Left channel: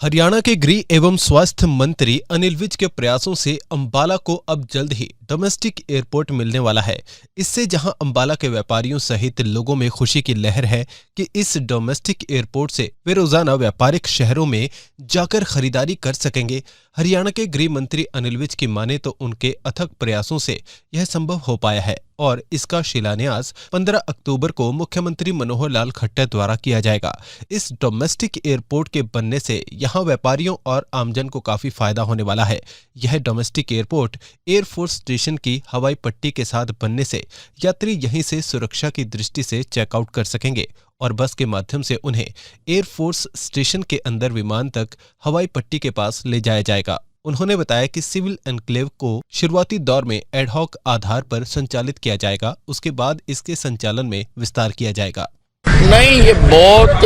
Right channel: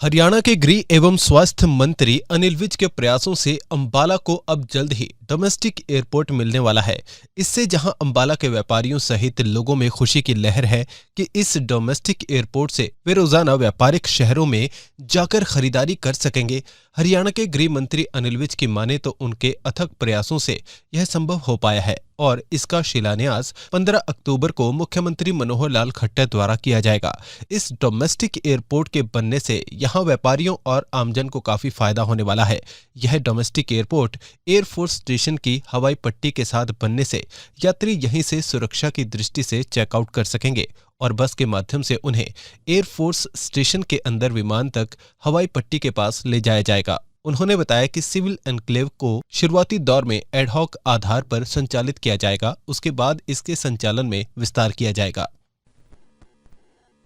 हरियाणा के गृह एवं स्वास्थ्य मंत्री अनिल विज के प्रयासों से अंबाला को अब जल्द ही डोमेस्टिक एयरपोर्ट मिलने वाला है। इससे जहां अंबाला के व्यापारियों सहित लोगों में खुशी की लहर है कि इस डोमेस्टिक एयरपोर्ट से वे रोजाना व्यापारिक शहरों में जाकर खरीदारी कर सकेंगे। हरियाणा के गृह मंत्री अनिल विज की माने तो उनके अथक प्रयासों से यह संभव हो पाया है और इसका शिलान्यास 15 अक्टूबर को मुख्यमंत्री मनोहर लाल खट्टर द्वारा किया जाएगा। इस डोमेस्टिक एयरपोर्ट के बनने से यहां व्यापारियों और आमजन को काफी फायदा होने वाला है। यह डोमेस्टिक एयरपोर्ट एयरफोर्स स्टेशन की हवाई पट्टी के साथ बनने से यात्री यहीं से सुरक्षा की दृष्टि से चेकआउट कर सकेंगे और बस के माध्यम से उन्हें एयरफोर्स स्टेशन के अंदर विमान तक हवाई पट्टी के पास ले जाया जाएगा। उन्होंने बताया कि सिविल एनक्लेव को शुरुआती दौर में एडहॉक आधार पर संचालित किया जाएगा, उसके बाद इसके संचालन में विस्तार किया जाएगा। नहीं, ये बहुत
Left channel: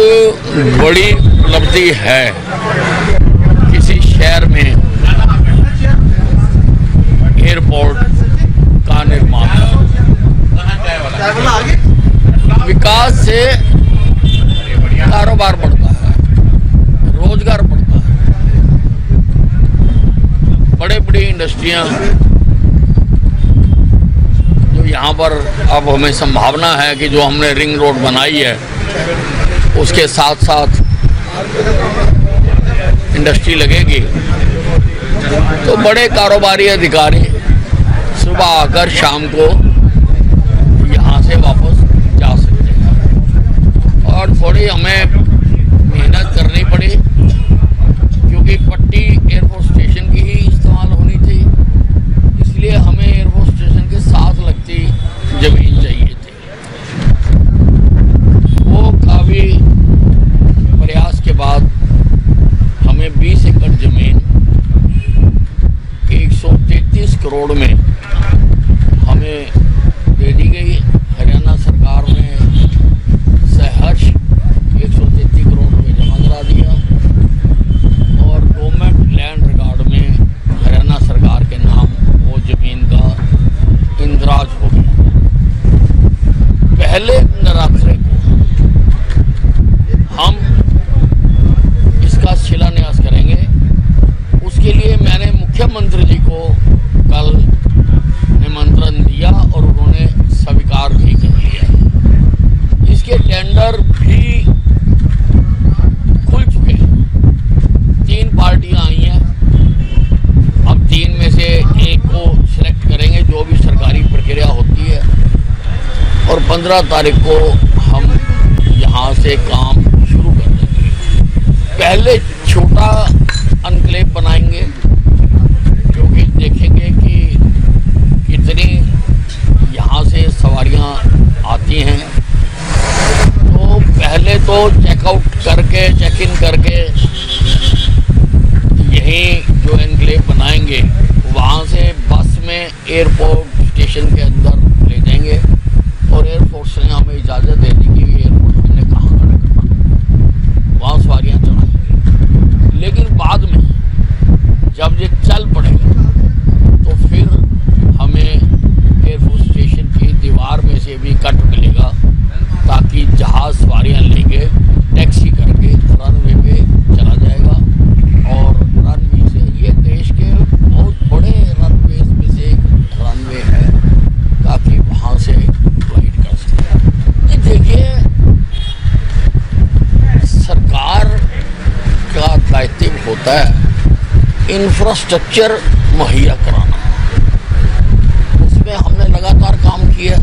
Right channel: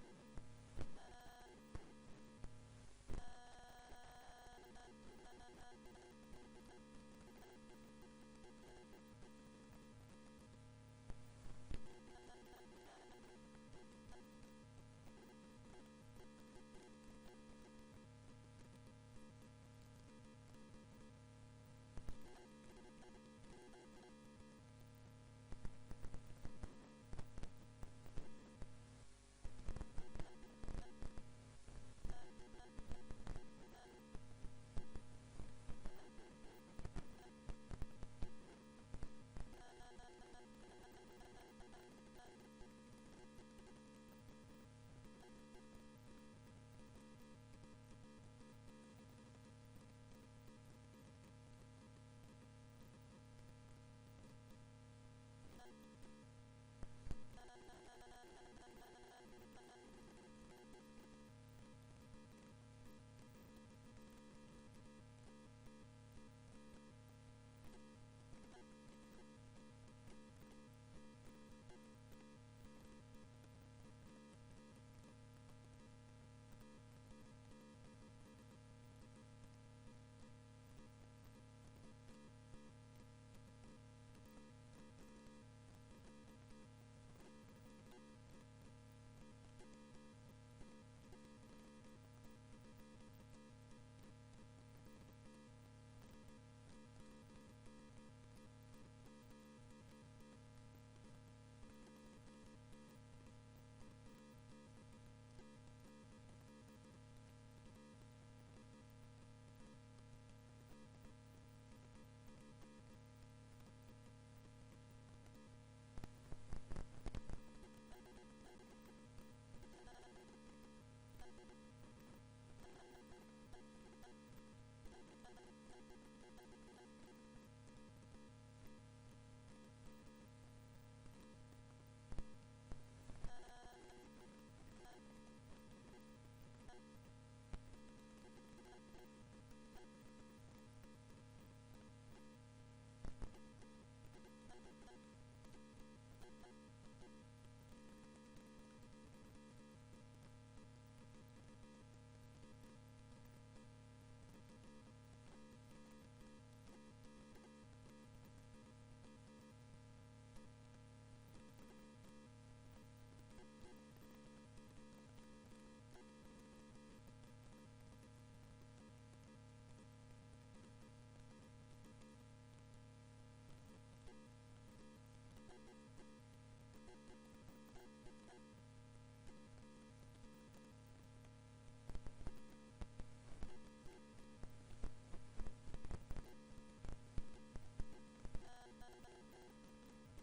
बड़ी उपलब्धि है किसी शहर में एयरपोर्ट का निर्माण। विकास से कारोबार बढ़ता है, रोजगार बढ़ता है, बड़े बड़ी इंडस्ट्रियां जो यहाँ पर अब हमें संभावना है कि जो हमने रिंग रोड बनाई है उसके साथ साथ इंडस्ट्री लगेगी तो बड़े कारोबारी अधिकारी सुबह आकर शाम को यहाँ से वापस जा सकते हैं। और थोड़ी हमें मेहनत करनी पड़ी क्योंकि पट्टी एयरफोर्स स्टेशन की ही इस्तेमाल होनी थी, इसलिए हमें एयरफोर्स स्टेशन के साथ लगती जमीन चाहिए थी। वो काफ़ी प्रयास के बाद हमें 20 एकड़ जमीन 133 करोड़ में हमें दे दी गई। हरियाणा सरकार ने सहर्ष 133 करोड़ रुपये जमा करा दिया और गवर्नमेंट लैंड रिकॉर्ड में हरियाणा सरकार के नाम वो जमीन का इंदराज हो गया। पहले नवरात्रे को हम इसका शिलान्यास करेंगे। उसके लिए मैंने मुख्यमंत्री जी को कल निमंत्रण दिया और उन्होंने स्वीकार भी कर लिया। इसके टेंडर भी खुल चुके हैं, 3 पार्टियां आई हैं। अब 3 में से एक को सिलेक्ट करेंगे, जो भी सरकारी प्रक्रिया होती है, और 15 तारीख को हम यहाँ से काम शुरू कर देंगे। पहले छोटा एनक्लेव बनाएंगे क्योंकि देखेंगे कि कितनी यहाँ से सवारियाँ आती हैं। तो पहले तो चेकआउट करके चेक इन करके यहीं जो एनक्लेव बनाएंगे वहाँ से बस में एयरपोर्ट स्टेशन के अंदर ले जाएंगे और एयरपोर्ट ने हमें इजाज़त दे दी कि एयरपोर्ट हमने कहाँ खड़ा करना, वहाँ सवारियाँ चलाएंगे। लेकिन बाद में जब ये चल पड़ेगा तो फिर हमें एयरफोर्स स्टेशन की दीवार में से भी कट मिलेगा ताकि जहाज सवारियाँ लेके टैक्सी करके रनवे पे चला जाएगा। और रनवे से ये देश के बहुत बड़े रनवे में से एक रनवे है ताकि वहाँ से फ्लाइट कर सके। देखिए, सरकार का दायित्व होता है इंफ्रास्ट्रक्चर मुहैया कराना। उसमें हमने लगातार काम किया,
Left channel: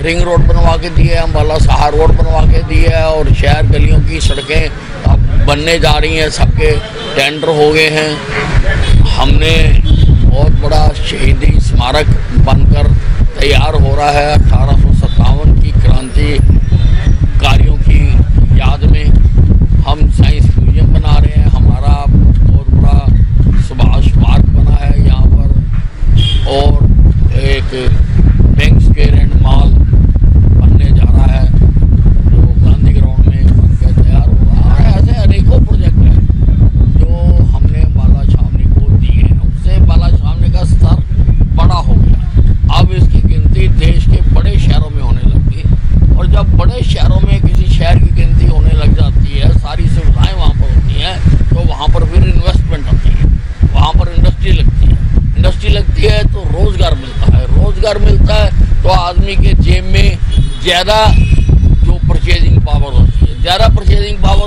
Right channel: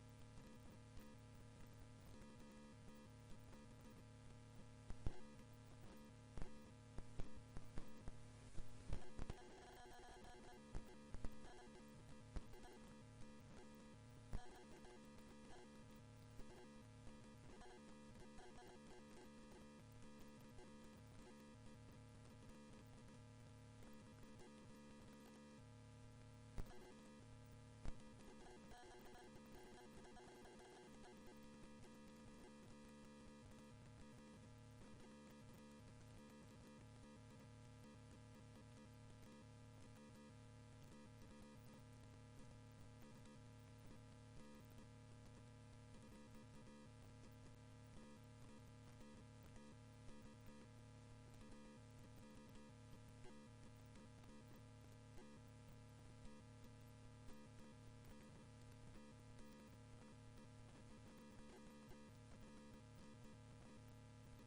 रिंग रोड बनवा के दिए, अंबाला सहार रोड बनवा के दिए और शहर गलियों की सड़कें अब बनने जा रही हैं, सबके टेंडर हो गए हैं। हमने बहुत बड़ा शहीदी स्मारक बनकर तैयार हो रहा है 1857 की क्रांतिकारियों की याद में। हम साइंस म्यूजियम बना रहे हैं, हमारा बहुत बड़ा सुभाष पार्क बना है यहाँ पर, और एक बैंक स्क्वायर एंड मॉल बनने जा रहा है जो गांधी ग्राउंड में बनकर तैयार हो रहा है। ऐसे अनेकों प्रोजेक्ट हैं जो हमने बाला छावनी को दिए हैं, उससे बाला छावनी का स्तर बड़ा हो गया। अब इसकी गिनती देश के बड़े शहरों में होने लगी और जब बड़े शहरों में किसी शहर की गिनती होने लग जाती है, सारी सुविधाएं वहाँ पर होती हैं, वहाँ पर फिर इन्वेस्टमेंट आती है, वहाँ पर इंडस्ट्री लगती है तो रोजगार मिलता है तो आदमी के जेब में ज़्यादा जो परचेजिंग पावर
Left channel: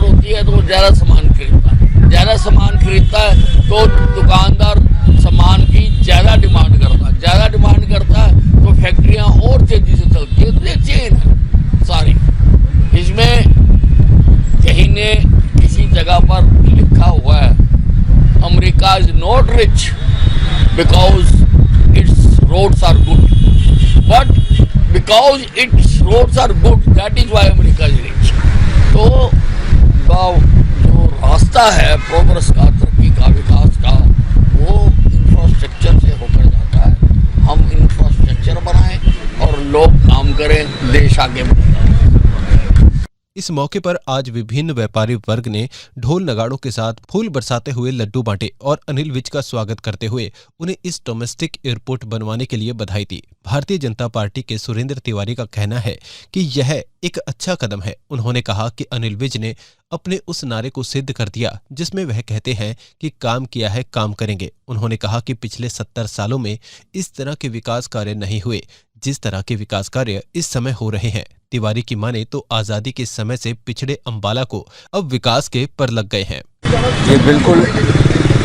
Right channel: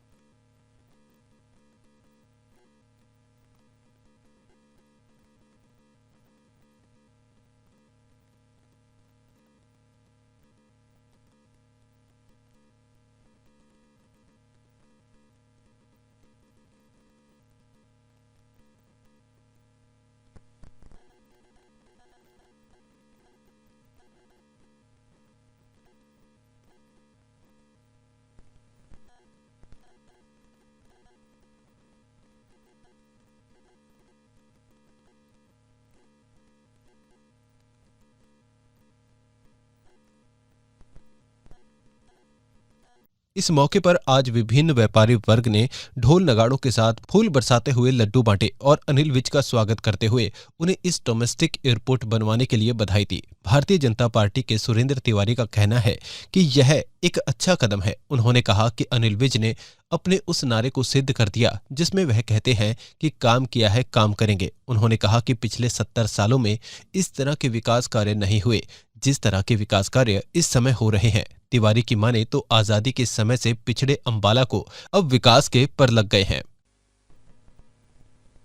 होती है तो वो ज़्यादा सामान खरीदता है तो दुकानदार सामान की ज़्यादा डिमांड करता है तो फैक्ट्रियाँ और तेजी से चलती है। तो ये चेन है सारी। इसमें कहीं ने किसी जगह पर लिखा हुआ है America is not rich because its roads are good, but because its roads are good that is why America is rich. तो जो रास्ता है प्रोग्रेस का, तरक्की का, विकास का, वो इंफ्रास्ट्रक्चर से होकर जाता है। हम इंफ्रास्ट्रक्चर बनाएं और लोग काम करें, देश आगे बढ़े। इस मौके पर आज विभिन्न व्यापारी वर्ग ने ढोल नगाड़ों के साथ फूल बरसाते हुए लड्डू बांटे और अनिल विज का स्वागत करते हुए उन्हें इस डोमेस्टिक एयरपोर्ट बनवाने के लिए बधाई दी। भारतीय जनता पार्टी के सुरेंद्र तिवारी का कहना है कि यह एक अच्छा कदम है। उन्होंने कहा कि अनिल विज ने अपने उस नारे को सिद्ध कर दिया जिसमें वह कहते हैं कि काम किया है काम करेंगे। उन्होंने कहा कि पिछले 70 सालों में इस तरह के विकास कार्य नहीं हुए जिस तरह के विकास कार्य इस समय हो रहे हैं। तिवारी की माने तो आजादी के समय से पिछड़े अंबाला को अब विकास के पर लग गए हैं। ये बिल्कुल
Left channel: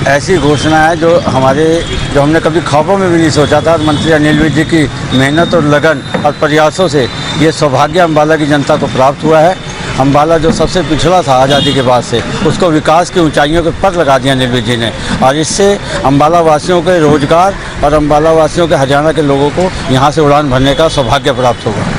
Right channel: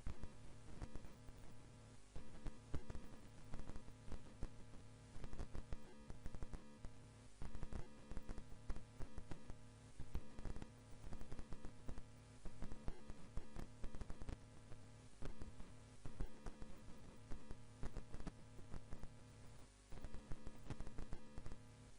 ऐसी घोषणा है जो हमने कभी ख्वाबों में भी नहीं सोचा था। मंत्री अनिल विज जी की मेहनत और लगन और प्रयासों से ये सौभाग्य अंबाला की जनता को प्राप्त हुआ है। अंबाला जो सबसे पिछड़ा था आज़ादी के बाद से, उसको विकास की ऊंचाइयों के पर लगा दिया अनिल विज जी ने, और इससे अंबाला वासियों के रोजगार और अंबाला वासियों के हरियाणा के लोगों को यहाँ से उड़ान भरने का सौभाग्य प्राप्त होगा।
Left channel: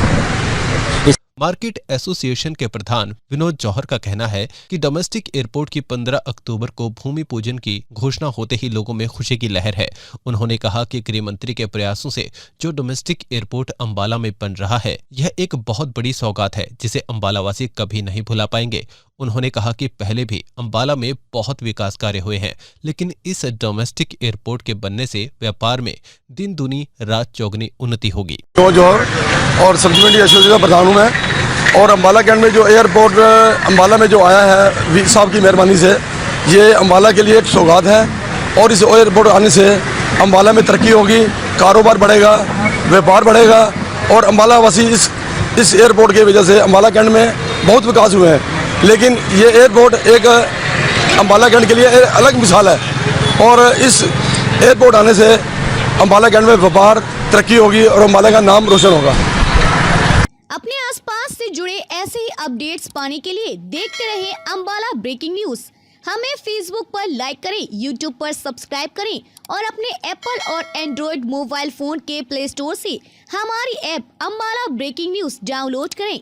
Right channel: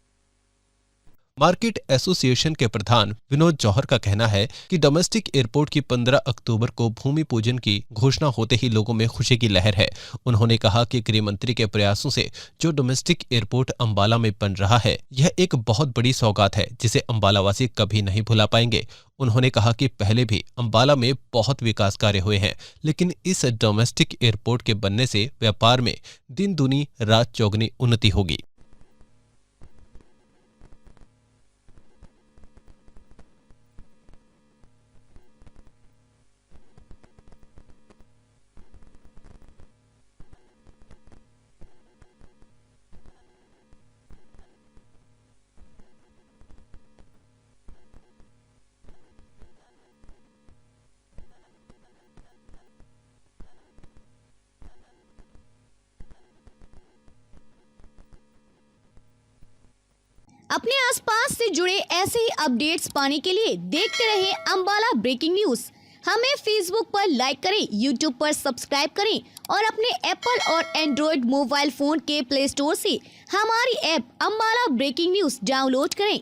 मार्केट एसोसिएशन के प्रधान विनोद जौहर का कहना है कि डोमेस्टिक एयरपोर्ट की 15 अक्टूबर को भूमि पूजन की घोषणा होते ही लोगों में खुशी की लहर है। उन्होंने कहा कि गृह मंत्री के प्रयासों से जो डोमेस्टिक एयरपोर्ट अंबाला में बन रहा है यह एक बहुत बड़ी सौगात है जिसे अंबालावासी कभी नहीं भुला पाएंगे। उन्होंने कहा कि पहले भी अंबाला में बहुत विकास कार्य हुए हैं, लेकिन इस डोमेस्टिक एयरपोर्ट के बनने से व्यापार में दिन दूनी रात चौगनी उन्नति होगी। और सब्सिडी एसोसिएशन का प्रधान हूँ मैं, और अंबाला कैंट में जो एयरपोर्ट अंबाला में जो आया है वीर साहब की मेहरबानी से, ये अंबाला के लिए एक सौगात है। और इस एयरपोर्ट आने से अंबाला में तरक्की होगी, कारोबार बढ़ेगा, व्यापार बढ़ेगा, और अंबाला वासी इस एयरपोर्ट की वजह से अंबाला कैंट में बहुत विकास हुए हैं। लेकिन ये एयरपोर्ट एक अंबाला कैंट के लिए एक अलग मिसाल है, और इस एयरपोर्ट आने से अंबाला कैंट में व्यापार तरक्की होगी और अंबाला का नाम रोशन होगा। अपने आसपास से जुड़े ऐसे ही अपडेट्स पाने के लिए देखते रहिए अंबाला ब्रेकिंग न्यूज। हमें फेसबुक पर लाइक करें, यूट्यूब पर सब्सक्राइब करें और अपने एप्पल और एंड्रॉयड मोबाइल फोन के प्ले स्टोर से हमारी app Ambala breaking news download करें।